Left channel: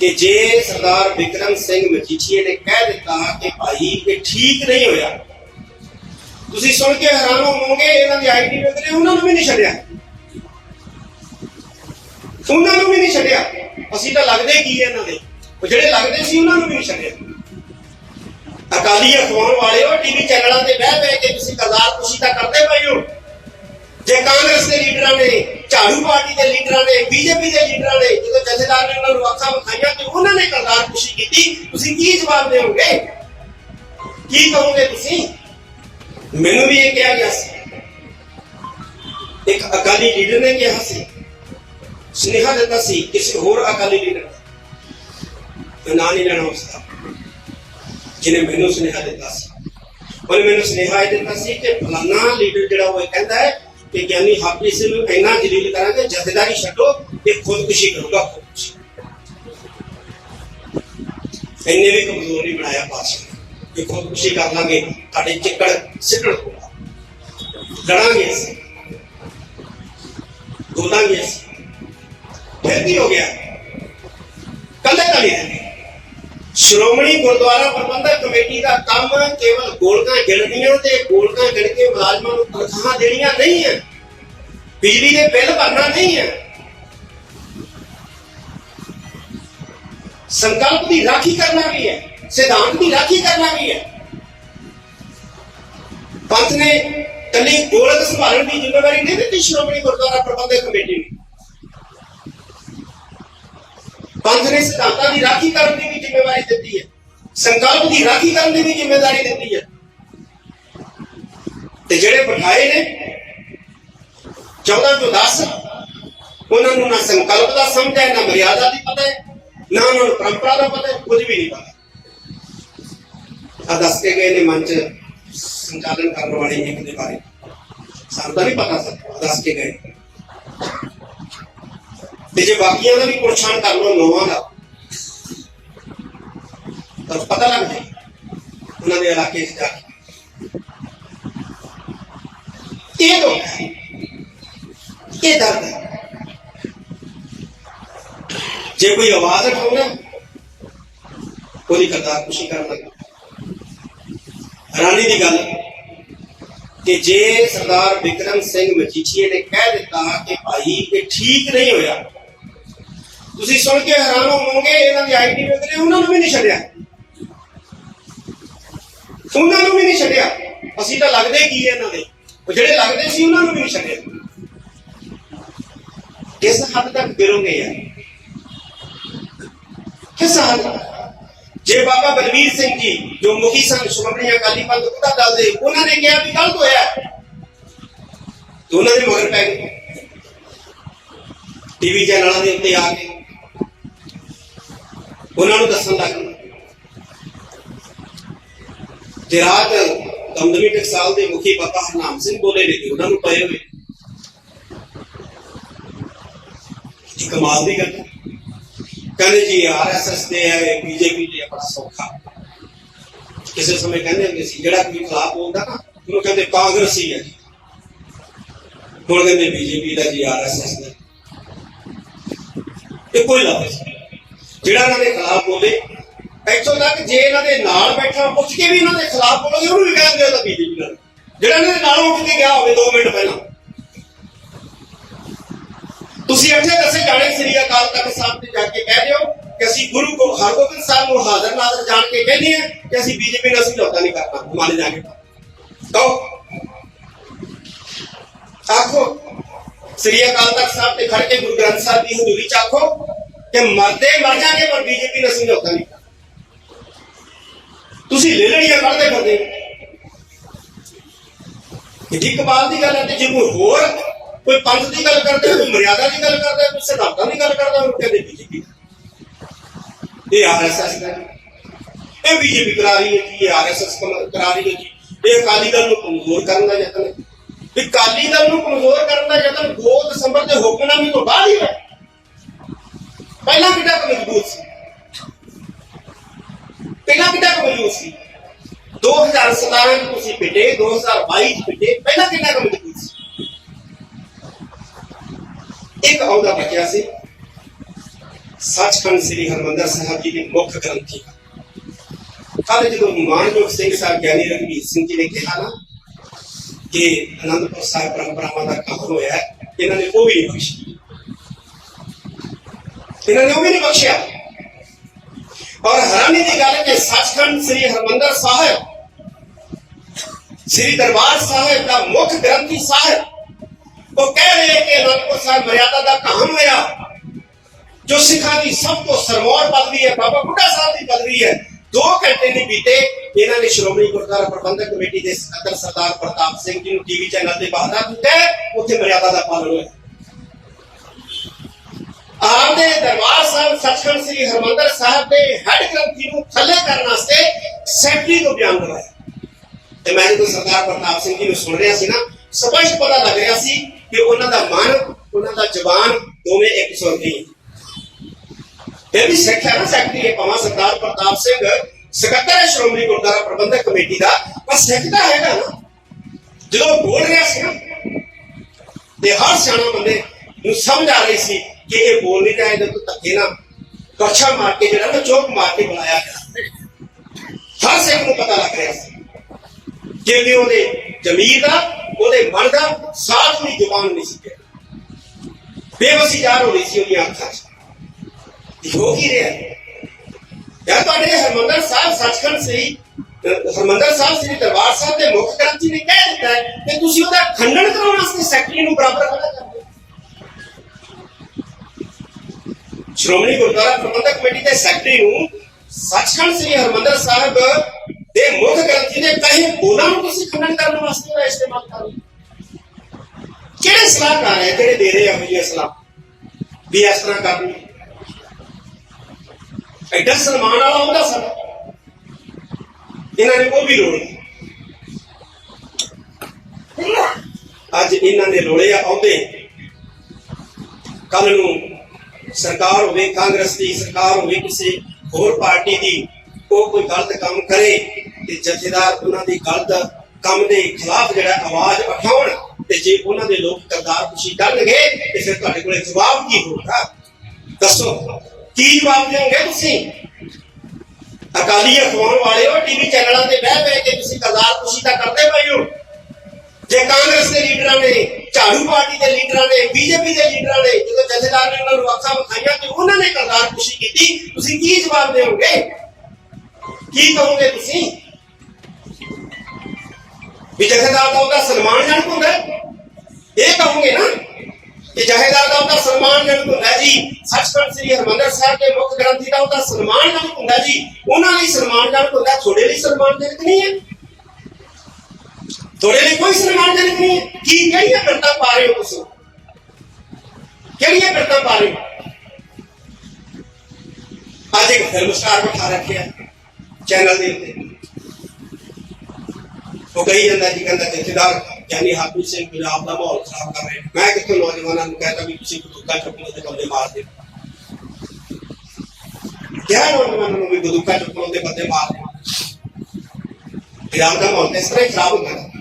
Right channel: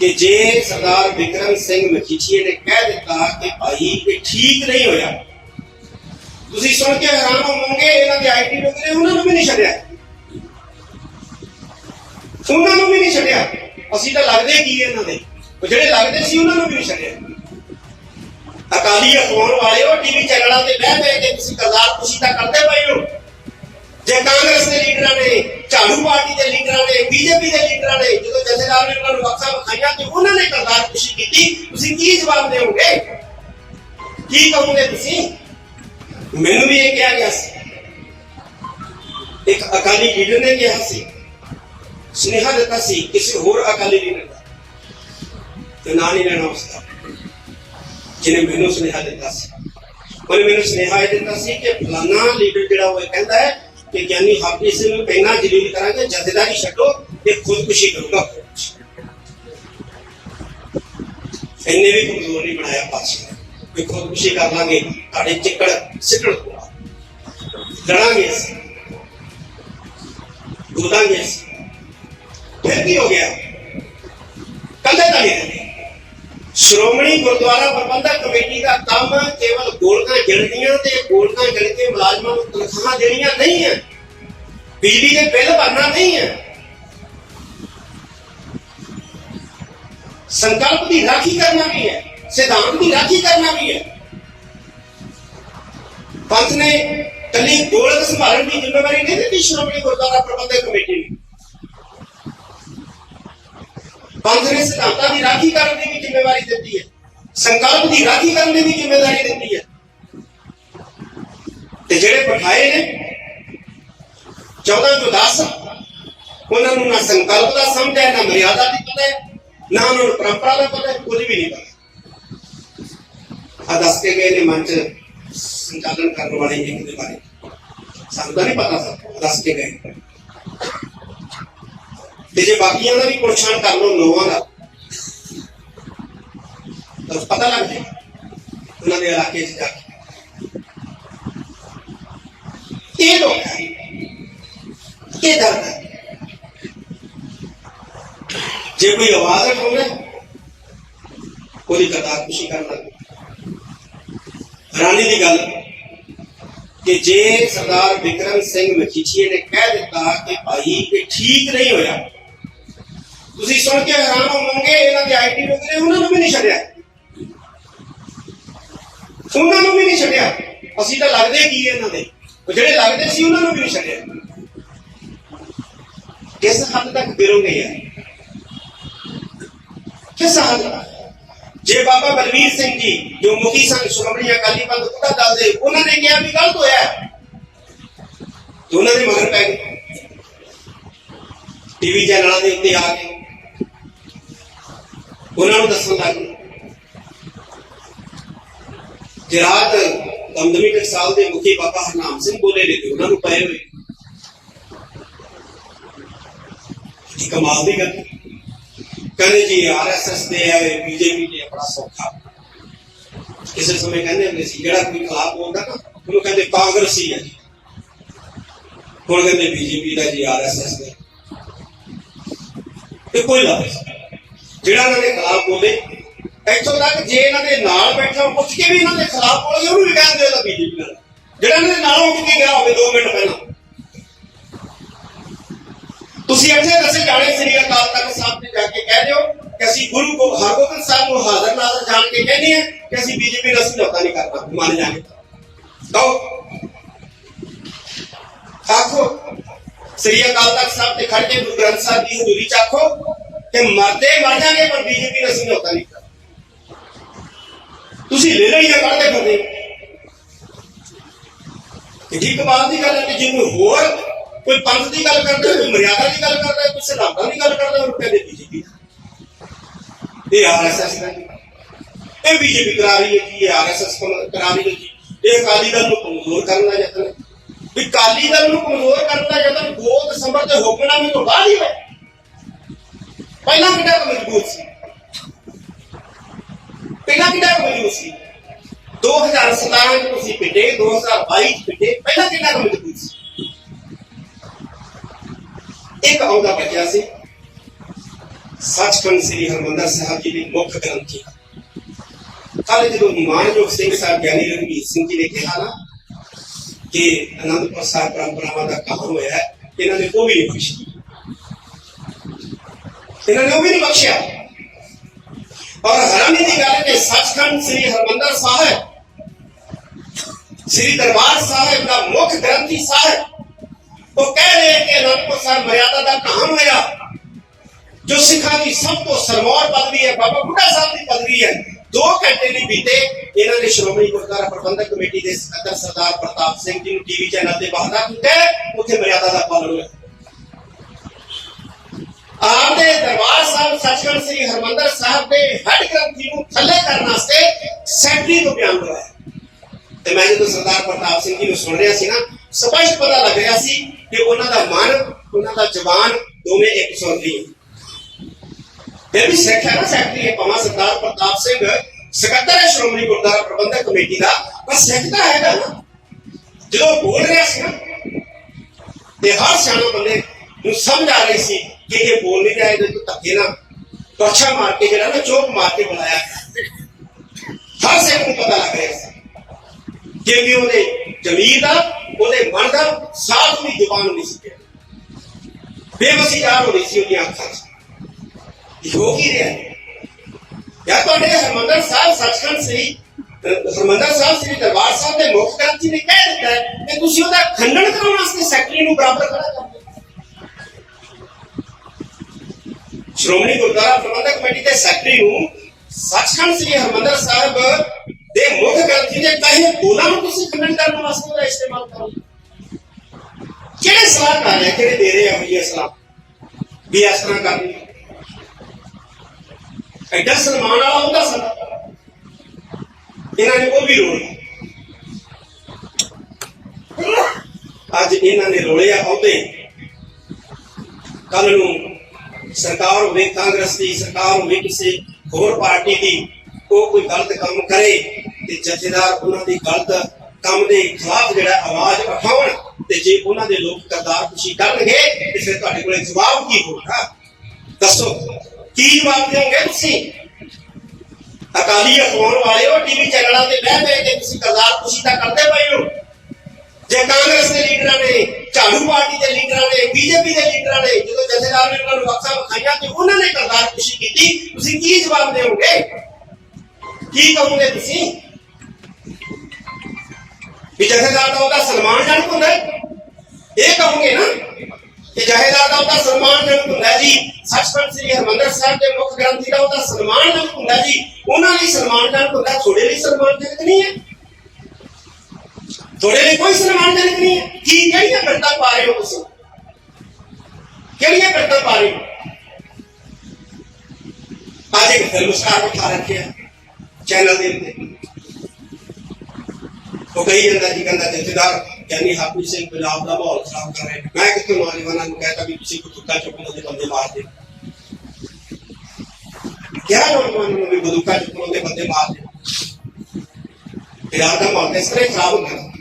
ਕਿ ਜੇ ਸਰਦਾਰ ਵਿਕਰਮ ਸਿੰਘ ਮਜੀਠੀਏ ਨੇ ਕਹਿ ਦਿੱਤਾ ਕਿ ਭਾਈ ਇਹ ਠੀਕ ਨਹੀਂ ਹੋਇਆ, ਤੁਸੀਂ ਸੁਣ ਕੇ ਹੈਰਾਨ ਹੋਵੋਗੇ, ਇਹਨਾਂ ਦੇ ਆਈਟੀ ਵਿੰਗ ਨੇ ਉਹਨਾਂ ਨੂੰ ਵੀ ਨਹੀਂ ਛੱਡਿਆ। ਉਹਨਾਂ ਨੂੰ ਵੀ ਨਹੀਂ ਛੱਡਿਆ। ਅਸੀਂ ਤਾਂ ਲੱਗਦੇ ਕੀ ਇਹਨਾਂ ਦੇ? ਉਹ ਜਿਹੜੇ ਲੱਗਦੇ ਸੀ, ਉਹਨਾਂ ਨੂੰ ਵੀ ਨਹੀਂ ਛੱਡਿਆ। ਅਕਾਲੀ ਅਖਵਾਉਣ ਵਾਲੇ ਉਹ ਟੀਵੀ ਚੈਨਲਾਂ ਤੇ ਬਹਿ ਬਹਿ ਕੇ ਤੁਸੀਂ ਕਰਦਾਰ ਤੁਸੀਂ ਤਾਂ ਕਰਦੇ ਪਏ ਹੋ। ਜੇ ਕਾਂਗਰਸ ਦੇ ਲੀਡਰਾਂ ਨੇ, ਝਾੜੂ ਪਾਰਟੀ ਦੇ ਲੀਡਰਾਂ ਨੇ, ਬੀਜੇਪੀ ਦੇ ਲੀਡਰਾਂ ਨੇ, ਜਦੋਂ ਜਥੇਦਾਰ ਨੇ ਉਹਨਾਂ ਨੂੰ ਵਕਸਾਂ ਵਿਖਾਈਆਂ ਤੇ ਉਹਨਾਂ ਨੇ ਕਰਦਾਰ ਖੁਸ਼ੀ ਕੀਤੀ, ਤੁਸੀਂ ਕੀ ਜਵਾਬ ਦੇਵੋਗੇ ਕੀ ਕਹੋਗੇ ਤੁਸੀਂ? ਮੈਨੂੰ ਵੀ ਇਹ ਕਿਹਾ ਗਿਆ ਸੀ। ਇੱਕ ਅਕਾਲੀ ਲੀਡਰ ਨੇ ਕਿਹਾ ਸੀ, ਸੁਨੇਹਾ ਦਿੱਤਾ ਸੀ, ਕਿਸੇ ਹੋਰ ਅਕਾਲੀ ਲੀਡਰ ਦਾ। ਤੇ ਨਾਂ ਨਹੀਂ ਲੈਣਾ ਉਸਦਾ ਜਿਹਨੇ ਮੈਨੂੰ ਸੁਨੇਹਾ ਦਿੱਤਾ ਸੀ। ਉਹਨੇ ਮੈਨੂੰ ਸੁਨੇਹਾ ਇਹ ਦਿੱਤਾ ਸੀ ਕਿ ਫਲਾਨਾ ਲੀਡਰ ਜਿਹੜਾ ਉਹ ਇਹ ਕਹਿੰਦਾ ਹੈ ਕਿ ਗਿਆਨੀ ਹਰਪ੍ਰੀਤ ਸਿੰਘ ਨੂੰ ਇੰਨਾ ਜਲੀਲ ਕਰਾਂਗੇ, ਜਥੇਦਾਰੀ ਛੱਡੋ ਤੇ ਖੁਦਕੁਸ਼ੀ ਕਰੂਗਾ ਇੰਨੇ ਵੀ ਕਮਜ਼ੋਰ ਨਹੀਂ ਬਣਾਇਆ ਪਾਤਸ਼ਾਹ ਨੇ ਕਿ ਖੁਦਕੁਸ਼ੀ ਕਰ ਲਾਂਗੇ ਤੁਹਾਡੇ ਚਿੱਕੜ ਸਿੱਟਣ ਹੋਗਾ ਲੜਾਂਗੇ ਅਸੀਂ ਅਸੀਂ। ਫਿਰ ਕੀ ਹੋ ਗਿਆ? ਕੰਦੇ ਤਾਂ ਨਹੀਂ ਰਹਿੰਦੇ। ਸ਼੍ਰੋਮਣੀ ਗੁਰਦੁਆਰਾ ਪ੍ਰਬੰਧਕ ਕਮੇਟੀ ਦਾ ਕੰਮ ਕੇਵਲ ਗੋਲਕਾਂ ਗਿਣਨੀਆਂ ਤੇ ਗੋਲਕਾਂ ਗਿਣ ਕੇ ਨੂੰ ਤਨਖਾਹਾਂ ਦੇਣੀਆਂ ਨਹੀਂ ਹੈ। ਬਿਜਲੀ ਦੇ ਬਿੱਲ ਭਰਨਾ ਨਹੀਂ ਹੈ। ਸੰਕਲਪ ਦੀ ਰਾਖੀ ਕਰਨਾ ਵੀ ਹੈ, ਸਿਧਾਂਤ ਦੀ ਰਾਖੀ ਕਰਨਾ ਵੀ ਹੈ। ਪੰਥ ਨੇ ਕੱਲੀ ਦੌਲਤ ਸੰਭਾਲਣ ਦੀ ਜ਼ਿੰਮੇਵਾਰੀ ਨਹੀਂ ਦਿੱਤੀ, ਸ਼੍ਰੋਮਣੀ ਗੁਰਦੁਆਰਾ ਪ੍ਰਬੰਧਕ ਕਮੇਟੀ ਨੂੰ। ਪੰਥ ਨੇ ਸਿਧਾਂਤਾਂ ਦੀ ਰਾਖੀ ਕਰਨ ਦੀ ਵੀ ਜ਼ਿੰਮੇਵਾਰੀ ਦਿੱਤੀ ਹੈ, ਸੰਕਲਪ ਦੀ ਰਾਖੀ ਕਰਨ ਦੀ ਵੀ ਜ਼ਿੰਮੇਵਾਰੀ ਦਿੱਤੀ ਹੈ। ਤੇ ਜਿਹੜੇ ਬਿਠਾਏ ਨੇ 14 ਤੋਂ 10 ਉਹਨਾਂ ਨੂੰ ਨਾ ਸੰਕਲਪ ਦਾ ਸਮਝ ਹੈ ਨਾ ਮਰਿਆਦਾ ਦੀ ਪਤਾ ਹੈ, ਨਾ ਉਹਨਾਂ ਨੂੰ ਪਰੰਪਰਾ ਦਾ ਪਤਾ ਹੈ, ਕੁਝ ਵੀ ਨਹੀਂ ਪਤਾ। ਆ ਦੱਸ ਕੇ ਗਏ ਨੇ ਮੰਚ ਸੰਚਾਲਨ ਕਰਨ ਵਾਲੇ ਇੱਕ ਦੇ ਬਾਰੇ। ਸਾਨੂੰ ਤਾਂ ਨਹੀਂ ਪਤਾ ਸਭ ਦੱਸ ਕੇ ਗਏ। ਤੇ ਜੇ ਬਾਕੀਆਂ ਦਾ ਵੀ ਪਛਾਣ ਕਰ ਲਓ, ਨੋਵਾਂ ਦਾ, ਤਾਂ ਪਤਾ ਲੱਗ ਜਾਏ, ਉਹਨਾਂ ਦੇ ਇਲਾਕੇ 'ਚ ਜਾ ਕੇ। ਇਹ ਲੋਕ ਹੈ ਇਹ ਦਰਦ ਹੈ। ਜੇ ਕੋਈ ਆਵਾਜ਼ ਉਠਾਉਣਾ ਉਹਦੀ ਕਰਤਾਰ ਖੁਸ਼ੀ ਕਰਨ ਲੱਗ ਹੈਰਾਨੀ ਦੀ ਗੱਲ ਕਿ ਜੇ ਸਰਦਾਰ ਵਿਕਰਮ ਸਿੰਘ ਮਜੀਠੀਏ ਨੇ ਕਹਿ ਦਿੱਤਾ ਕਿ ਭਾਈ, ਇਹ ਠੀਕ ਨਹੀਂ ਹੋਇਆ। ਤੁਸੀਂ ਸੁਣ ਕੇ ਹੈਰਾਨ ਹੋਵੋਗੇ, ਇਹਨਾਂ ਦੇ ਆਈਟੀ ਵਿੰਗ ਨੇ ਉਹਨਾਂ ਨੂੰ ਵੀ ਨਹੀਂ ਛੱਡਿਆ। ਉਹਨਾਂ ਨੂੰ ਵੀ ਨਹੀਂ ਛੱਡਿਆ। ਅਸੀਂ ਤਾਂ ਲੱਗਦੇ ਕੀ ਇਹਨਾਂ ਦੇ। ਉਹ ਜਿਹੜੇ ਲੱਗਦੇ ਸੀ, ਉਹਨਾਂ ਨੂੰ ਵੀ ਨਹੀਂ ਛੱਡਿਆ। ਕਿਸ ਹੱਦ ਤੱਕ ਗਿਰੋਗੇ ਯਾਰ ਕਿਸ ਹੱਦ ਜੇ ਬਾਬਾ ਬਲਵੀਰ ਸਿੰਘ ਜੀ, ਜੋ ਮੁਖੀ ਸਨ, ਸ਼੍ਰੋਮਣੀ ਅਕਾਲੀ ਦਲ ਉਹਦਾ ਦਲ ਉਹਨਾਂ ਨੇ ਕਿਹਾ ਵੀ ਗਲਤ ਹੋਇਆ ਉਹਨਾਂ ਦੇ ਮਗਰ ਪੈ ਗਏ। ਟੀਵੀ ਚੈਨਲਾਂ ਦੇ ਉੱਤੇ ਆ ਕੇ ਉਹਨਾਂ ਨੂੰ ਦੱਸਣ ਲੱਗ ਗਏ। ਜੇ ਰਾਤ ਦਮਦਮੀ ਟਕਸਾਲ ਦੇ ਮੁਖੀ ਬਾਬਾ ਹਰਨਾਮ ਸਿੰਘ ਬੋਲੇ ਨੇ ਤੇ ਉਹਨਾਂ ਨੂੰ ਪਏ ਹੋਏ। ਇਹ ਕਮਾਲ ਦੀ ਗੱਲ ਕਹਿੰਦੇ ਜੀ ਆਰਐਸਐਸ ਦੇ ਹੈ ਬੀਜੇਪੀ ਦੇ ਬੜਾ ਸੌਖਾ। ਕਿਸੇ ਸਮੇਂ ਕਹਿੰਦੇ ਹੁੰਦੇ ਸੀ, ਜਿਹੜਾ ਕੋਈ ਖਿਲਾਫ ਬੋਲਦਾ ਨਾ, ਉਹਨੂੰ ਕਹਿੰਦੇ ਕਾਂਗਰਸੀ ਹੈ ਜੀ। ਹੁਣ ਕਹਿੰਦੇ ਬੀਜੇਪੀ ਦਾ ਜੀ ਆਰਐਸਐਸ ਦਾ। ਇਹ ਕੋਈ ਲਾਭ ਜਿਹੜਾ ਇਹਨਾਂ ਦੇ ਖਿਲਾਫ ਬੋਲੇ ਇੱਥੋਂ ਤੱਕ ਜੇ ਇਹਨਾਂ ਦੇ ਨਾਲ ਬੈਠਾ ਪੁੱਛ ਕੇ ਵੀ ਇਹਨਾਂ ਦੇ ਖਿਲਾਫ ਬੋਲਗੇ ਉਹਨੂੰ ਵੀ ਕਹਿੰਦੇ ਉਹ ਤਾਂ ਬੀਜੇਪੀ ਨਾਲ। ਜਿਹੜਾ ਇਹਨਾਂ ਦੇ ਨਾਲ ਉੱਠ ਕੇ ਗਿਆ ਹੋਵੇ 2 ਮਿੰਟ ਪਹਿਲਾਂ। ਤੁਸੀਂ ਇੱਥੇ ਦੱਸੇ ਜਾਣੇ ਸ੍ਰੀ ਅਕਾਲ ਤਖਤ ਸਾਹਿਬ ਤੇ ਜਾ ਕੇ ਕਹਿ ਦਿਓ ਕਿ ਅਸੀਂ ਗੁਰੂ ਕੋ ਹਰਗੋਬਿੰਦ ਸਾਹਿਬ ਨੂੰ ਹਾਜ਼ਰ ਨਾਜ਼ਰ ਜਾਣ ਕੇ ਕਹਿੰਦੇ ਹਾਂ ਕਿ ਅਸੀਂ ਬੀਜੇਪੀ ਨਾਲ ਸਮਝੌਤਾ ਨਹੀਂ ਕਰਨਾ, ਮੰਨ ਜਾਗੇ। ਤਾਂ ਆਖੋ, ਸ੍ਰੀ ਅਕਾਲ ਤਖਤ ਸਾਹਿਬ ਤੇ ਖੜ ਕੇ ਗੁਰੂ ਗ੍ਰੰਥ ਸਾਹਿਬ ਦੀ ਹਜ਼ੂਰੀ ਚ ਆਖੋ ਕਿ ਮਰਦੇ ਮਰ ਜਾਗੇ, ਪਰ ਬੀਜੇਪੀ ਨਾਲ ਸਮਝੌਤਾ ਨਹੀਂ ਕਰਨਾ। ਤੁਸੀਂ ਲੈ ਲੜੀਆਂ ਕਰਦੇ ਫਿਰਦੇ ਇਹ ਠੀਕ ਕਮਾਲ ਦੀ ਗੱਲ ਹੈ ਕਿ ਜੇ ਕੋਈ ਹੋਰ ਕੋਈ ਪੰਥ ਦੀ ਗੱਲ ਕਰਦਾ ਕੋਈ ਮਰਿਆਦਾ ਦੀ ਗੱਲ ਕਰਦਾ ਕੋਈ ਸਿਧਾਂਤਾਂ ਦੀ ਗੱਲ ਕਰਦਾ ਉਹ ਕਹਿੰਦੇ ਬੀਜੇਪੀ ਇਹ ਆਰਐਸਐਸ ਦਾ ਇਹ ਬੀਜੇਪੀ ਕਰਾ ਰਹੀ ਹੈ ਜੀ, ਇਹ ਆਰਐਸਐਸ ਕਰਾ ਰਹੀ ਹੈ ਜੀ। ਇਹ ਅਕਾਲੀ ਦਲ ਨੂੰ ਕਮਜ਼ੋਰ ਕਰਨ ਦਾ ਯਤਨ ਹੈ। ਵੀ ਅਕਾਲੀ ਦਲ ਨੂੰ ਕਮਜ਼ੋਰ ਕਰਨ ਦਾ ਯਤਨ 2 ਦਸੰਬਰ ਦੇ ਹੁਕਮਨਾਮੇ ਤੋਂ ਬਾਅਦ ਹੀ ਹੋਇਆ। ਪਹਿਲਾਂ ਕਿਹੜਾ ਕੁ ਮਜ਼ਬੂਤ ਸੀ? ਪਹਿਲਾਂ ਕਿਹੜਾ ਕੁ ਮਜ਼ਬੂਤ ਸੀ? 2017 ਚ ਤੁਸੀਂ ਪਿੱਟੇ 2022 ਚ ਪਿੱਟੇ, ਪਹਿਲਾਂ ਕਿੰਨਾ ਕੁ ਮਜ਼ਦੂਰ ਸੀ? ਇੱਕ ਆਉਂਦਾ ਬਚਿਆ ਸੀ। ਸੱਚਖੰਡ ਸ੍ਰੀ ਹਰਿਮੰਦਰ ਸਾਹਿਬ ਜੀ ਦੇ ਮੁੱਖ ਗ੍ਰੰਥੀ। ਕੱਲ ਜਦੋਂ ਮਾਨਯੋਗ ਸਿੰਘ ਸਾਹਿਬ ਗਿਆਨੀ ਰਣਵੀਰ ਸਿੰਘ ਜੀ ਨੇ ਕਿਹਾ ਨਾ ਕਿ ਅਨੰਦਪੁਰ ਸਾਹਿਬ ਪਰੰਪਰਾਵਾਂ ਦਾ ਕੰਮ ਹੋਇਆ ਇਹਨਾਂ ਨੇ ਉਹ ਵੀ ਨਹੀਂ ਬਖਸ਼ਿਆ। ਇਹਨਾਂ ਨੇ ਉਹ ਵੀ ਨਹੀਂ ਬਖਸ਼ਿਆ। ਔਰ ਹੈਰਾਨੀ ਦੀ ਗੱਲ ਹੈ ਕਿ ਸੱਚਖੰਡ ਸ੍ਰੀ ਹਰਿਮੰਦਰ ਸਾਹਿਬ, ਸ੍ਰੀ ਦਰਬਾਰ ਸਾਹਿਬ ਦਾ ਮੁੱਖ ਗ੍ਰੰਥੀ ਸਾਹਿਬ, ਉਹ ਕਹਿ ਰਹੇ ਕਿ ਅਨੰਦਪੁਰ ਸਾਹਿਬ ਮਰਿਆਦਾ ਦਾ ਕਹਾਣ ਹੋਇਆ, ਜੋ ਸਿੱਖਾਂ ਦੀ ਸਭ ਤੋਂ ਸਰਮੌਰ ਪਦਵੀ ਹੈ, ਬਾਬਾ ਬੁੱਢਾ ਸਾਹਿਬ ਦੀ ਪਦਵੀ ਹੈ। ਦੋ ਘੰਟੇ ਨਹੀਂ ਬੀਤੇ, ਇਹਨਾਂ ਨੇ ਸ਼੍ਰੋਮਣੀ ਗੁਰਦੁਆਰਾ ਪ੍ਰਬੰਧਕ ਕਮੇਟੀ ਦੇ ਸਕੱਤਰ ਸਰਦਾਰ ਪ੍ਰਤਾਪ ਸਿੰਘ ਜੀ ਨੂੰ ਟੀਵੀ ਚੈਨਲ ਤੇ ਬਾਹਰ ਕੀਤਾ ਉੱਥੇ ਮਰਿਆਦਾ ਦਾ ਪਾਲਣ ਹੋਇਆ। ਆਪਦੇ ਦਰਬਾਰ ਸਾਹਿਬ, ਸੱਚਖੰਡ ਸ੍ਰੀ ਹਰਮੰਦਰ ਸਾਹਿਬ ਦੇ ਹੈੱਡ ਗ੍ਰੰਥੀ ਨੂੰ ਥੱਲੇ ਕਰਨ ਵਾਸਤੇ ਸੈਕਟਰੀ ਤੋਂ ਬਿਆਨ ਦਵਾਇਆ। ਤੇ ਮੈਂ ਜਦੋਂ ਸਰਦਾਰ ਪ੍ਰਤਾਪ ਸਿੰਘ ਜੀ ਨੂੰ ਸੁਣ ਰਿਹਾ ਸੀ ਨਾ ਸਪਸ਼ਟ ਪਤਾ ਲੱਗ ਰਿਹਾ ਸੀ ਕਿ ਉਹਨਾਂ ਦਾ ਮਨ, ਉਹਨਾਂ ਦਾ ਜ਼ਬਾਨ ਦੋਵੇਂ ਇੱਕ ਸੁਰ ਦੀ ਫਿਰ ਵੀ ਸਿੱਖ ਨਾ ਸੈਕਟਰੀ ਹੈ ਭਾਵੇਂ ਸਰਦਾਰ ਪ੍ਰਤਾਪ ਸਿੰਘ ਸਕੱਤਰ ਹੈ ਸ਼੍ਰੋਮਣੀ ਗੁਰਦੁਆਰਾ ਪ੍ਰਬੰਧਕ ਕਮੇਟੀ ਦਾ, ਪਰ ਸਿੱਖਦਾ ਹੈਗਾ ਨਾ। ਜਦੋਂ ਬੋਲ ਰਿਹਾ ਸੀ ਨਾ, ਤੇ ਹਰ ਸਿਆਣਾ ਬੰਦੇ ਨੂੰ ਸਮਝ ਆ ਰਹੀ ਸੀ ਕਿ ਇਹ ਬੋਲ ਨਹੀਂ ਰਿਹਾ ਇਹਦੇ ਤੋਂ ਧੱਕੇ ਨਾ ਕਛਾ ਮਾਰ ਕੇ ਜਿਹੜਾ ਨਾ ਚੋਕ ਮਾਰ ਕੇ ਬੁਲਾਇਆ ਹਰ ਸਿੱਖ ਨੂੰ ਪਤਾ ਲੱਗ ਰਿਹਾ ਸੀ ਕਿ ਉਹਦੇ ਜ਼ਮੀਰ ਦਾ ਉਹਦੇ ਮਨ ਦਾ ਸਾਥ ਵੀ ਜ਼ਬਾਨ ਨਹੀਂ ਸੀ ਬੇਵਸੀ ਜਾਰ ਹੋ ਰਹੀ ਸੀ ਉਹਦੀਆਂ ਅੱਖਾਂ 'ਚ। ਹੋ ਕੀ ਰਿਹਾ। ਹੈ? ਯਾ ਤੁਹਾਡੇ ਹਰਮੰਦਰ ਸਾਹਿਬ ਸੱਚਖੰਡ ਸ੍ਰੀ, ਅਹ ਹਰਿਮੰਦਰ ਸਾਹਿਬ ਸ੍ਰੀ ਦਰਬਾਰ ਸਾਹਿਬ ਦੇ ਮੁੱਖ ਗ੍ਰੰਥੀ ਨੇ ਕਹਿ ਦਿੱਤਾ ਹੈ ਕਿ ਤੁਸੀਂ ਉਹਦਾ ਖੰਡਨ ਕਰਾਉਣ ਵਾਸਤੇ ਸੈਕਟਰੀ ਨੂੰ ਬਰਾਬਰ ਖੜਾ ਸ਼੍ਰੋਮਣੀ ਗੁਰਦੁਆਰਾ ਪ੍ਰਬੰਧਕ ਕਮੇਟੀ ਦੇ ਸੈਕਟਰੀ ਨੂੰ ਸੱਚਖੰਡ ਸ੍ਰੀ ਹਰਿਮੰਦਰ ਸਾਹਿਬ ਦੇ ਮੁੱਖ ਗ੍ਰੰਥੀ ਨੇ ਕਹੇ ਬੋਲਾਂ ਨੂੰ ਤੁਸੀਂ ਖੰਡਨ ਕਰਨ ਵਾਸਤੇ ਉਹਦਾ ਇਸਤੇਮਾਲ ਕਰੋ। ਕਿਹੜੇ ਸਲਾਹਕਾਰ ਰਹੇ ਦੇ ਰਹੇ ਆ ਸਲਾਹ? ਵੀ ਇਸ ਤਰ੍ਹਾਂ ਕਰਨੀ ਐਡਾ ਸਨਮਾਨ ਵਾਲਾ ਹੁੰਦਾ ਸਨ। ਇਹਨਾਂ ਨੇ ਉਹ ਵੀ ਰੋਲ। ਅੱਜ ਇਹਨਾਂ ਨੇ ਰੋਲੇ ਆ ਆਉਂਦੇ ਕੱਲ ਨੂੰ ਸਰਕਾਰ ਹੋਵੇ, ਕਾਂਗਰਸ ਦੀ ਸਰਕਾਰ ਹੋਵੇ, ਕਿਸੇ ਹੋਰ ਪਾਰਟੀ ਦੀ ਉਹ ਕੋਈ ਗਲਤ ਕੰਮ ਕਰੇ ਤੇ ਜਥੇਦਾਰ ਉਹਨਾਂ ਦੀ ਗਲਤ ਕੰਮ ਦੇ ਖਿਲਾਫ ਜਿਹੜਾ ਆਵਾਜ਼ ਉਠਾਉਣ ਤੇ ਜੇ ਉਹਨਾਂ ਦੇ ਲੋਕ ਕਰਦਾਰ ਖੁਸ਼ੀ ਕਰਨਗੇ ਤੇ ਫਿਰ ਤੁਹਾਡੇ ਕੋਲੇ ਜਵਾਬ ਕੀ ਹੋਊਗਾ? ਦੱਸੋ, ਕੀ ਜਵਾਬ ਦਿਓਗੇ ਤੁਸੀਂ? ਅਕਾਲੀ ਅਖਵਾਉਣ ਵਾਲੇ ਹੋ ਟੀਵੀ ਚੈਨਲਾਂ ਤੇ ਬਹਿ ਬਹਿ ਕੇ ਤੁਸੀਂ ਕਰਦਾਰ ਖੁਸ਼ੀ ਤਾਂ ਕਰਦੇ ਪਏ ਹੋ। ਜੇ ਕਾਂਗਰਸ ਦੇ ਲੀਡਰਾਂ ਨੇ, ਝਾੜੂ ਪਾਰਟੀ ਦੇ ਲੀਡਰਾਂ ਨੇ, ਬੀਜੇਪੀ ਦੇ ਲੀਡਰਾਂ ਨੇ, ਜਦੋਂ ਜਥੇਦਾਰ ਨੇ ਉਹਨਾਂ ਨੂੰ ਅੱਖਾਂ ਵਿਖਾਈਆਂ ਤੇ ਉਹਨਾਂ ਨੇ ਕਰਦਾਰ ਖੁਸ਼ੀ ਕੀਤੀ ਤੁਸੀਂ ਕੀ ਜਵਾਬ ਦਿਓਗੇ ਕੀ ਕਹੋਗੇ ਤੁਸੀਂ ਵੀ ਜਥੇਦਾਰ ਦਾ ਉਹਦਾ ਸਨਮਾਨਜਨਕ ਹੁੰਦਾ ਹੈ ਇਹ ਕਹੋਗੇ ਨਾ ਕਿ ਜਥੇਦਾਰ ਦਾ ਉਹਦਾ ਸਨਮਾਨਜਨਕ ਹੁੰਦਾ ਹੈ ਜੀ ਸੱਚਖੰਡ ਸ੍ਰੀ ਹਰਿਮੰਦਰ ਸਾਹਿਬ ਦੇ ਮੁੱਖ ਗ੍ਰੰਥੀ ਦਾ ਉਹਦਾ ਸਨਮਾਨਜਨਕ ਹੁੰਦਾ ਜੀ ਉਹਨਾਂ ਲਈ ਸਨਮਾਨਜਨਕ ਹੁੰਦਾ ਹੈ, ਤੁਹਾਡੇ ਲਈ ਸਨਮਾਨਜਨਕ ਨਹੀਂ ਹੈ ਤੁਹਾਡੇ ਲਈ ਕੋਈ ਸਨਮਾਨਜਨਕ ਨਹੀਂ ਹੈ ਕੀ ਕਿਹੜੀਆਂ ਕਰਤਾ ਪਾ ਰਹੇ ਹੋ ਤੁਸੀਂ ਕਿਹੜੀਆਂ ਕਰਤਾ ਪਾ ਰਹੇ ਅੱਜ ਇੱਕ ਫਿਲਮ ਸਟਾਰ ਬਿਠਾ ਰੱਖਿਆ ਚੈਨਲ ਦੇ ਉੱਤੇ। ਉਹ ਕਹੀ ਜਾਂਦਾ ਜੀ, ਕਹਿੰਦਾ ਜਥੇਦਾਰ ਯਾਨੀ ਹਾਪੀ ਸਿੰਘ ਪੰਜਾਬ ਦਾ ਮਾਹੌਲ ਖਰਾਬ ਕਰ ਰਹੇ। ਮੈਂ ਕਿਤੇ ਨੌਜਵਾਨਾਂ ਨੂੰ ਕਹਿੰਦਾ ਵੀ ਤੁਸੀਂ ਬਦੂਕਾ ਚੁੱਕਣ ਦੇ ਬੰਦੇ ਮਾਰ ਦੇ ਕਿਹਾ ਨੌਜਵਾਨਾਂ ਨੂੰ ਵੀ ਬਦੂਕਾ ਚੁੱਕਣ ਦੇ ਬੰਦੇ ਮਾਰ ਦੇ ਪੰਜਾਬ ਦਾ ਮਾਹੌਲ ਇਸ ਤਰ੍ਹਾਂ ਹੀ ਖਰਾਬ ਹੁੰਦਾ ਹੈ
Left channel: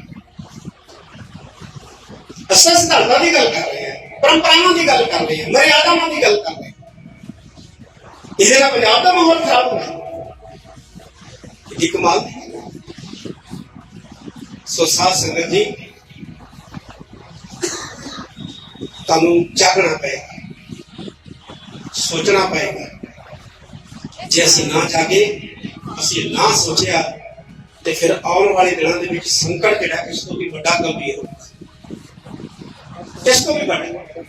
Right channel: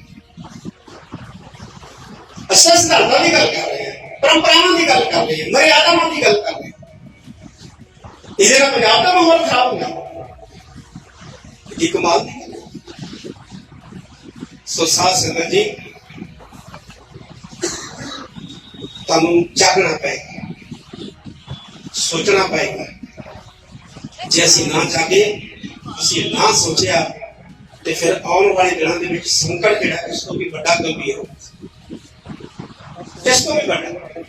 ਸਿਧਾਂਤਾਂ ਦੀ ਗੱਲ ਕਰ ਰਹੇ ਪਰੰਪਰਾਵਾਂ ਦੀ ਗੱਲ ਕਰ ਰਹੇ ਹਾਂ, ਮਰਿਆਦਾਵਾਂ ਦੀ ਗੱਲ ਕਰ ਹਾਂ। ਇਹਦੇ ਨਾਲ ਪੰਜਾਬ ਦਾ ਮਾਹੌਲ ਖਰਾਬ ਹੁੰਦਾ। ਇਹ ਕਮਾਲ ਦੀ ਗੱਲ। ਸੋ ਸਾਧ ਸੰਗਤ ਜੀ, ਤੁਹਾਨੂੰ ਜਾਗਣਾ ਪਏਗਾ, ਸੋਚਣਾ ਪਏਗਾ। ਜੇ ਅਸੀਂ ਨਾ ਜਾਗੇ, ਅਸੀਂ ਨਾ ਸੋਚਿਆ, ਤੇ ਫਿਰ ਆਉਣ ਵਾਲੇ ਦਿਨਾਂ ਦੇ ਵਿੱਚ ਸੰਕਟ ਜਿਹੜਾ, ਇਸ ਤੋਂ ਵੀ ਵੱਡਾ ਗੰਭੀਰ ਹੋਊਗਾ। ਇਸ ਤੋਂ ਵੀ ਵੱਡਾ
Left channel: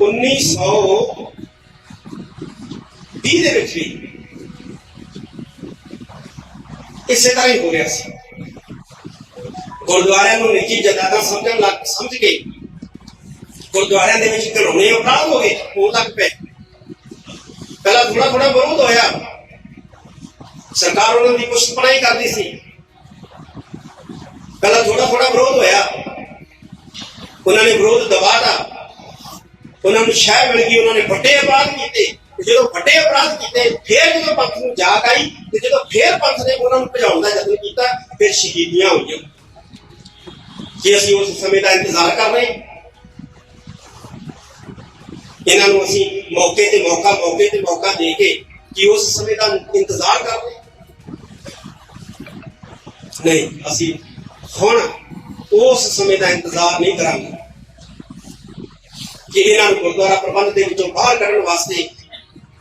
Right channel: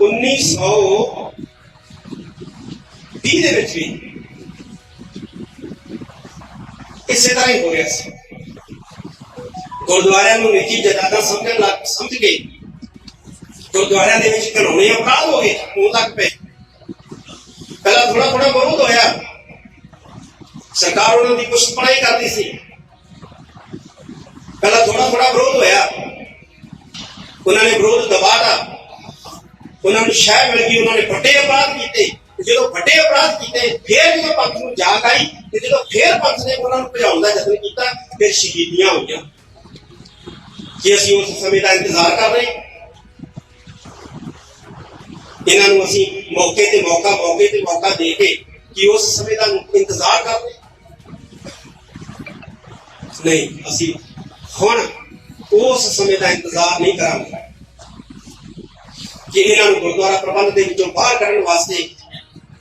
1920 ਦੇ ਵਿੱਚ ਵੀ ਇਸੇ ਤਰ੍ਹਾਂ ਹੀ ਹੋ ਰਿਹਾ ਸੀ ਗੁਰਦੁਆਰਿਆਂ ਨੂੰ ਨਿੱਜੀ ਜਾਇਦਾਦਾਂ ਸਮਝਣ ਲੱਗ ਸਮਝ ਕੇ ਗੁਰਦੁਆਰਿਆਂ ਦੇ ਵਿੱਚ ਘਰੋਣੇ ਅਪਰਾਧ ਹੋ ਗਏ ਉਹ ਤੱਕ ਪਏ ਪਹਿਲਾਂ ਥੋੜਾ ਥੋੜਾ ਵਿਰੋਧ ਹੋਇਆ ਸਰਕਾਰ ਉਹਨਾਂ ਦੀ ਕੁਛ ਪੜਾਈ ਕਰਦੀ ਸੀ ਪਹਿਲਾਂ ਥੋੜਾ ਥੋੜਾ ਵਿਰੋਧ ਹੋਇਆ ਉਹਨਾਂ ਨੇ ਵਿਰੋਧ ਦਬਾਤਾ ਉਹਨਾਂ ਨੂੰ ਸ਼ਹਿ ਮਿਲ ਗਈ ਉਹਨਾਂ ਨੇ ਵੱਡੇ ਅਪਰਾਧ ਕੀਤੇ ਜਦੋਂ ਵੱਡੇ ਅਪਰਾਧ ਕੀਤੇ, ਫਿਰ ਜਦੋਂ ਪੰਥ ਨੂੰ ਜਾਗ ਆਈ ਤੇ ਜਦੋਂ ਫਿਰ ਪੰਥ ਨੇ ਉਹਨਾਂ ਨੂੰ ਭਜਾਉਣ ਦਾ ਯਤਨ ਕੀਤਾ, ਫਿਰ ਸ਼ਹੀਦੀਆਂ ਹੋਈਆਂ। ਕਿ ਅਸੀਂ ਉਸ ਸਮੇਂ ਦਾ ਇੰਤਜ਼ਾਰ ਕਰ ਰਹੇ, ਇਹਨਾਂ ਨੂੰ ਅਸੀਂ ਮੌਕੇ ਤੇ ਮੌਕਾ, ਮੌਕੇ ਤੇ ਮੌਕਾ ਦੇ ਕੇ ਕਿ ਉਸ ਸਮੇਂ ਦਾ ਇੰਤਜ਼ਾਰ ਕਰ ਰਹੇ। ਨਹੀਂ, ਅਸੀਂ ਹੁਣ ਉਸ ਸਮੇਂ ਦਾ ਇੰਤਜ਼ਾਰ ਨਹੀਂ ਕਰਾਂਗੇ। ਕਿ ਇਹਨਾਂ ਨੂੰ ਗੁਰਦੁਆਰਾ ਪ੍ਰਬੰਧ ਦੇ ਵਿੱਚੋਂ ਬਾਹਰ ਕੱਢਣ ਵਾਸਤੇ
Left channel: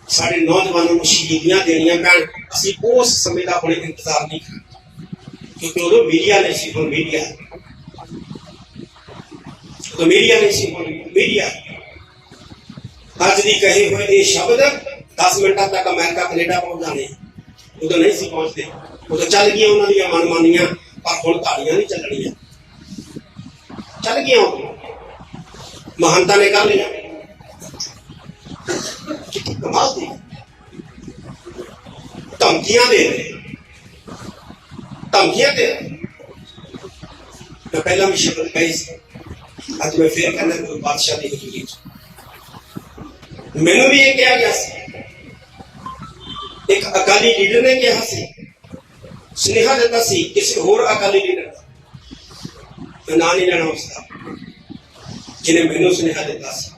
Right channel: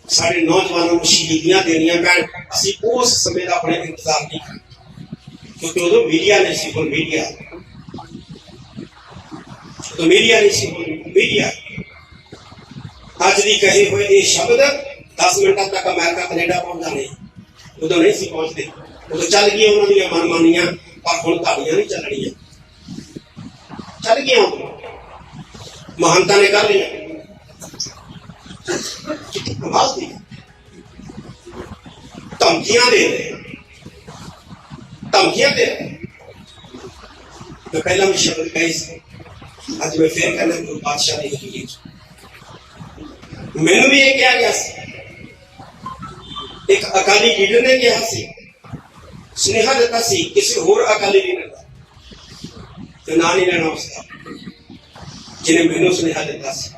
ਸਾਡੇ ਨੌਜਵਾਨਾਂ ਨੂੰ ਸ਼ਹੀਦੀਆਂ ਦੇਣੀਆਂ ਪੈਣ, ਅਸੀਂ ਉਸ ਸਮੇਂ ਦਾ ਆਪਣੇ ਇੰਤਜ਼ਾਰ ਨਹੀਂ ਕਰਾਂਗੇ ਕਿਉਂਕਿ ਉਦੋਂ ਮੀਡੀਆ ਨਹੀਂ ਸੀ, ਹੁਣ ਮੀਡੀਆ ਉਦੋਂ ਮੀਡੀਆ ਨਹੀਂ ਸੀ, ਹੁਣ ਮੀਡੀਆ ਅੱਜ ਦੀ ਕਹੇ ਹੋਏ ਇਹ ਸ਼ਬਦ 10 ਮਿੰਟਾਂ ਤੱਕ ਅਮਰੀਕਾ, ਕੈਨੇਡਾ ਪਹੁੰਚ ਜਾਣੇ ਉਦੋਂ ਨਹੀਂ ਸੀ ਪਹੁੰਚਦੇ। ਉਦੋਂ ਚੱਲ ਗਈਆਂ ਉਹਨਾਂ ਦੀਆਂ ਮਨਮਾਨੀਆਂ, ਪਰ ਹੁਣ ਤੁਹਾਡੀਆਂ ਨਹੀਂ ਚੱਲਣੀਆਂ। ਚੱਲ ਗਈਆਂ ਉਦੋਂ ਮਹੰਤਾਂ ਨੇ ਕਰ ਲਿਆ ਕਿਤੇ ਕਮਾਲ ਦੀ ਧਮਕੀਆਂ ਦੇ ਰਹੇ ਧਮਕੀਆਂ ਦੇ ਰਹੇ ਮੈਂ ਪਹਿਲਾਂ ਵੀ ਸ਼ਬਦ ਕਹੀ ਸੀ ਅੱਜ ਮੈਂ ਫੇਰ ਕਹਿੰਦਾ ਕੋਈ ਬਾਦਸ਼ਾਹ ਨਹੀਂ ਹੈਗੀ ਮੈਨੂੰ ਵੀ ਇਹ ਕਿਹਾ ਗਿਆ ਸੀ ਇੱਕ ਅਕਾਲੀ ਲੀਡਰ ਨੇ ਕਿਹਾ ਸੀ ਸੁਨੇਹਾ ਦਿੱਤਾ ਸੀ ਕਿਸੇ ਹੋਰ ਅਕਾਲੀ ਲੀਡਰ ਦਾ ਤੇ ਨਾਂ ਨਹੀਂ ਲੈਣਾ ਉਸਦਾ ਜਿਹਨੇ ਮੈਨੂੰ ਸੁਨੇਹਾ ਦਿੱਤਾ ਸੀ।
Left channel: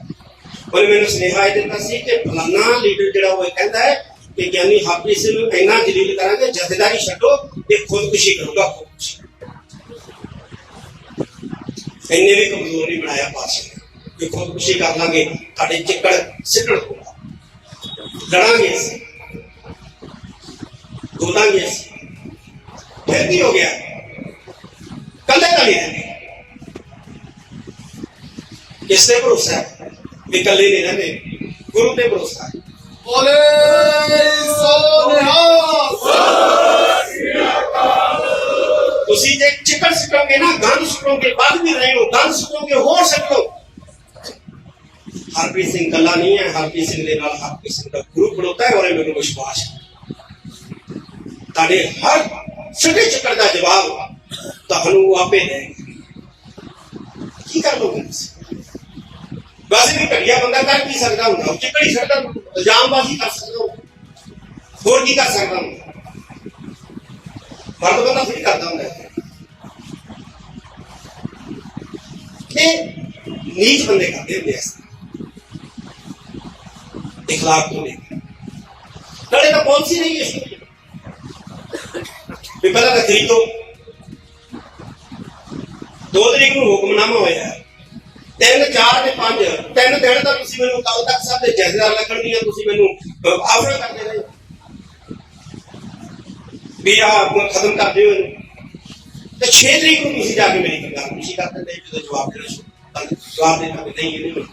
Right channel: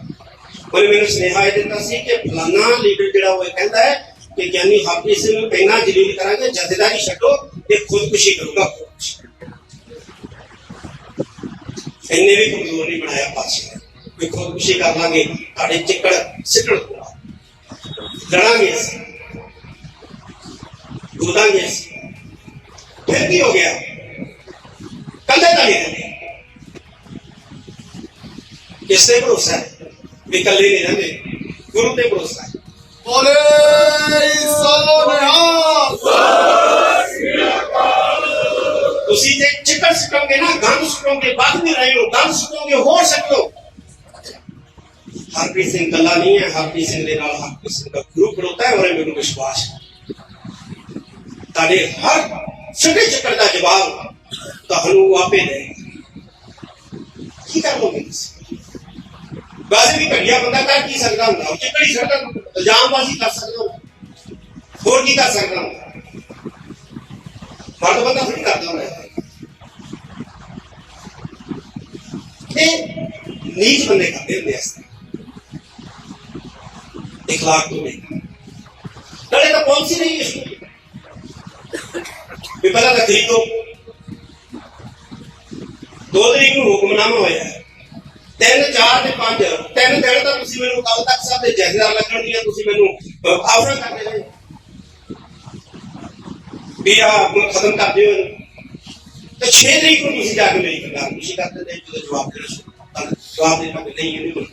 ਉਹਨੇ ਮੈਨੂੰ ਸੁਨੇਹਾ ਇਹ ਦਿੱਤਾ ਸੀ ਕਿ ਫਲਾਨਾ ਲੀਡਰ ਜਿਹੜਾ ਉਹ ਇਹ ਕਹਿੰਦਾ ਹੈ ਕਿ ਗਿਆਨੀ ਹਰਪ੍ਰੀਤ ਸਿੰਘ ਨੂੰ ਇੰਨਾ ਜਲੀਲ ਕਰਾਂਗੇ, ਜਥੇਦਾਰੀ ਛੱਡੋ ਇਹ ਖੁਦਕੁਸ਼ੀ ਕਰੂਗਾ ਖੁਦਕੁਸ਼ੀ ਇੰਨੇ ਵੀ ਕਮਜ਼ੋਰ ਨਹੀਂ ਬਣਾਇਆ ਪਾਸੇ ਕਿ ਖੁਦਕੁਸ਼ੀ ਕਰ ਲਾਂਗੇ ਤੁਹਾਡੇ ਚਿੱਕੜ ਸਿੱਟਣ ਪੂਰਾ ਲੜਾਂਗੇ ਅਸੀਂ ਦੋਦਾਂਗੇ ਅਸੀਂ। ਫਿਰ ਕੀ ਹੋ ਗਿਆ? ਕੱਲੇ ਤਾਂ ਨਹੀਂ ਰਹਿੰਦੇ। ਕਿਸ ਤੇ ਭਰੋਸਾ ਹੈ? ਵੀ ਇਕੱਲੇ ਨਹੀਂ ਰਹਿੰਦੇ। ਗੁਰੂ ਤੇ ਭਰੋਸਾ ਹੈ। ਬੋਲੇ ਸੋਨਿਹਾਲ ਤੁਸੀਂ ਜੇ ਚਿਕਨ ਸੁੱਟੋਗੇ ਨਾ ਗੰਦ ਸੁੱਟੋਗੇ ਬਾਅਦ ਵੀ ਰਹੇ ਹੋ ਗੰਦ ਸੁੱਟੋਗੇ ਹੋਰ ਲਓ ਹਰਪ੍ਰੀਤ ਸਿੰਘ ਕੱਲਾ ਨਹੀਂ ਹੈ। ਹਰਪ੍ਰੀਤ ਸਿੰਘ ਦੇ ਨਾਲ ਹਰਪ੍ਰੀਤ ਸਿੰਘ ਦਾ ਗਰੁੱਪ ਖੜੋਤਾ ਹੈ ਔਰ ਮੈਨੂੰ ਵਿਸ਼ਵਾਸ ਹੈ ਤੁਹਾਡੇ ਹਰ ਸਿੱਧੇ ਚੱਕਰ ਦਾ ਜਵਾਬ ਤੁਹਾਨੂੰ ਆਪੇ ਦੇਣਗੇ। ਕੀ ਕਰ ਲੋਗੇ ਤੁਸੀਂ? ਵੈਸੇ ਵੀ ਘੜੀਆ ਬੰਦਾ ਕਰ ਕੀ ਸਕਦਾ ਹੁੰਦਾ? ਉਹ ਘੜੀ ਸਕਦਾ ਇਲਜ਼ਾਮਬਾਜ਼ੀ ਕਰ ਸਕਦਾ ਹੋਰ ਕੀ ਕਰ ਸਕਦਾ ਹੁੰਦਾ? ਮਰਦ ਬੰਦਾ ਥੋੜੀ ਕਰਦਾ ਹੁੰਦਾ ਇਹ ਨੀਚ ਬੰਦੇ ਕਰਦੇ ਹੁੰਦੇ ਆ ਇਖਲਾਕ ਤੋਂ ਨਹੀਂ ਨਾਲੇ ਤਾਂ ਪਾਲਿਸੀ ਨਹੀਂ ਇਸ ਵੀ ਪਹਿਲਾਂ ਤਾਂ ਖਰੀਦੋ। ਦੋ ਤਰੀਕ ਨੂੰ ਹੁਕਮਨਾਮਾ ਹੋਇਆ। ਤਿੰਨ, ਚਾਰ ਤੇ ਪੰਜ। ਤਿੰਨ ਦਿਨ ਤਾਂ ਤੁਸੀਂ ਮੈਨੂੰ ਕੱਲ ਤੱਕ ਸਾਹਿਬ ਦੇ ਜਹਦਾਰ ਲੱਗਣਗੀਆਂ, ਤੁਸੀਂ ਮੈਨੂੰ ਆਫਰ ਕਰਦੇ ਰਹੇ। ਵੀ ਆ ਖਤਮ ਕਰ ਦਿਓ ਤੇ 6 ਤਰੀਕ ਨੂੰ ਤੁਸੀਂ ਜਾ ਕੇ ਮੇਰੀ ਗੱਲ ਤੁਸੀਂ ਕਰ ਦਿੰਦੇ ਜਦੋਂ ਜਵਾਬ ਦੇਣਾ ਸ਼ੁਰੂ ਜਵਾਬ ਦੇ ਕੇ ਨਹੀਂ ਇਹ ਨਹੀਂ ਹੋਣਾ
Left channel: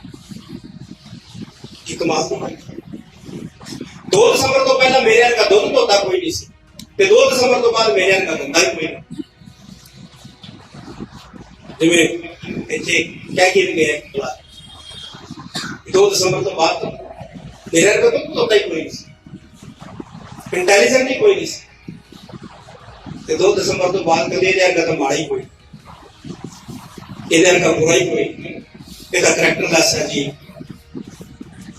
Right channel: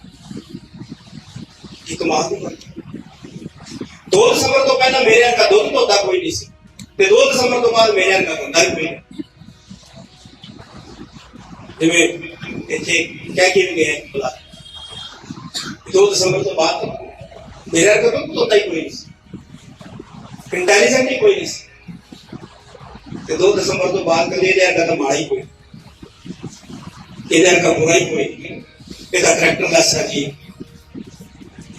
ਕੀ ਕਮਾਲ ਦੀ ਗੱਲ ਹੈ। 2 ਦਸੰਬਰ ਤੋਂ ਪਹਿਲਾਂ ਮੇਰੇ ਵਰਗਾ ਦੁੱਧ ਧੋਤਾ ਕੋਈ ਨਹੀਂ ਸੀ। ਤੇ 2 ਦਸੰਬਰ ਤੋਂ ਬਾਅਦ ਮੇਰੇ ਵਰਗਾ ਧੰਦਾ ਹੀ ਕੋਈ ਨਹੀਂ। ਜਿਵੇਂ ਇੱਥੇ ਕਹਿ ਕੇ ਗਏ ਬੁਲਾ 2 ਦਸੰਬਰ ਤੋਂ ਬਾਅਦ ਮੇਰੇ ਵਰਗਾ ਦੁੱਧ ਹੀ ਕੋਈ ਨਹੀਂ ਇੰਟੈਲੀਜੈਂਟ ਹੀ ਕੋਈ ਨਹੀਂ ਤੇ 2 ਦਸੰਬਰ ਤੋਂ ਬਾਅਦ ਕਹਿੰਦੇ ਇਹਦਾ ਵਰਗਾ ਮਾੜਾ ਹੀ ਕੋਈ ਇਹਦਾ ਵਰਗਾ ਬੁਰਾ ਹੀ ਕੋਈ ਇਹਦਾ ਕਰੈਕਟਰ ਦਾ ਸਰ ਜੀ।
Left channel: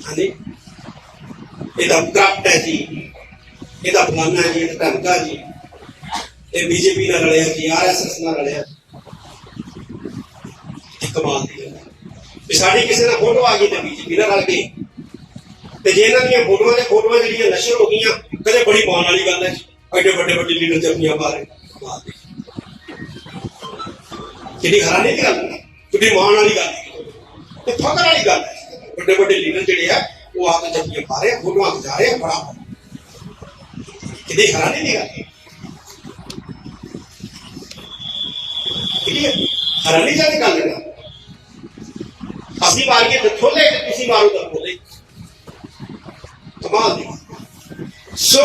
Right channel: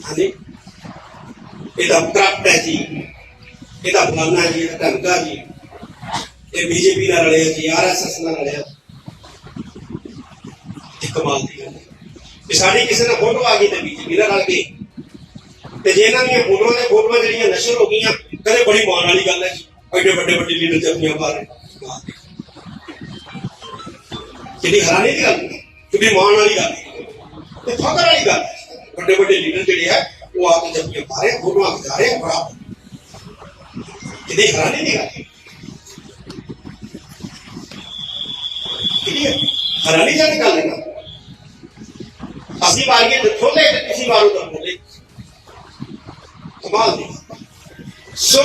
ਹਾਂਜੀ? ਇਹਦਾ ਕਰਪਟ ਹੈ ਜੀ। ਇਹਦਾ ਫਲਾਨਾ ਜੀ, ਇਹਦਾ ਢੰਗਾ ਜੀ। ਇਹ ਬੀਜੇਪੀ ਨਾਲ ਰਲਿਆ ਜੀ ਆਰਐਸਐਸ ਨਾਲ ਰਲਿਆ। ਇਹ ਕਮਾਲ ਦੀ ਗੱਲ ਹੈ ਵੀ ਸਾਡੀ ਕਿਸੇ ਨਾਲ ਫੋਟੋ ਆ ਗਈ ਤੇ ਬੀਜੇਪੀ ਨਾਲ ਰਲ ਗਈ ਤੇ ਜੇ ਇਹਨਾਂ ਦੀਆਂ ਫੋਟੋਆਂ ਤੇ ਫੋਟੋਆਂ ਜਿਹੜੀਆਂ ਨਸ਼ਰ ਹੋ ਗਈਆਂ ਕਦੇ ਬੜੀ ਮਾਣ ਵਾਲੀ ਗੱਲ ਹੈ। ਐਡੇ ਵੱਡੇ ਵੱਡੇ ਲੀਡਰ ਜੱਫੀਆਂ ਪਾ ਰਹੇ ਹੈਰਾਨੀ ਦੀ ਗੱਲ ਹੈ। ਕਿਹੜੀ ਮਾਣ ਵਾਲੀ ਗੱਲ ਹੈ। ਤੇ ਫਖਰ ਵਾਲੀ ਗੱਲ ਹੈ। ਵੱਡੇ ਵੱਡੇ ਲੀਡਰ ਜਿਹੜੇ ਆ ਉਹ ਆ ਕੇ ਜੱਫੀਆਂ ਪਾ ਰਹੇ ਫੋਟੋਆਂ ਖਿਚਾ ਰਹੇ ਆ, ਬੜਾ। ਕਿਹੜੀ ਹੈਰਾਨੀ ਦੀ ਗੱਲ ਹੈ। ਠੀਕ ਹੈ ਹੈਰਾਨੀ ਦੀ ਗੱਲ ਹੈ ਨਾ ਅਸੀਂ ਮਾਰੀਏ ਤੇ ਖੋਲੇ ਤੇ ਤੁਸੀਂ ਮਾਰੋ ਤਾਂ ਖੋਲੇ ਕਮਾਲ ਦੀ ਸੋ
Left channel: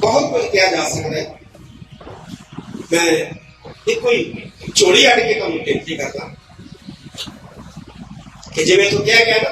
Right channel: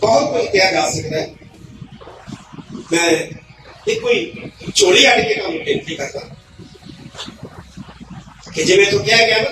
ਬਹੁਤ ਕੁਝ ਕਿਹਾ ਜਾ ਸਕਦਾ ਹੈ ਮੈਂ ਇਹ ਕੋਈ ਚੋਰੀ ਅੜ ਕੇ ਕੰਮ ਬੇਨਤੀ ਕਰਦਾ ਕਿ ਜਿਵੇਂ ਤੂੰ ਕਿਹਾ ਗਿਆ ਨਾ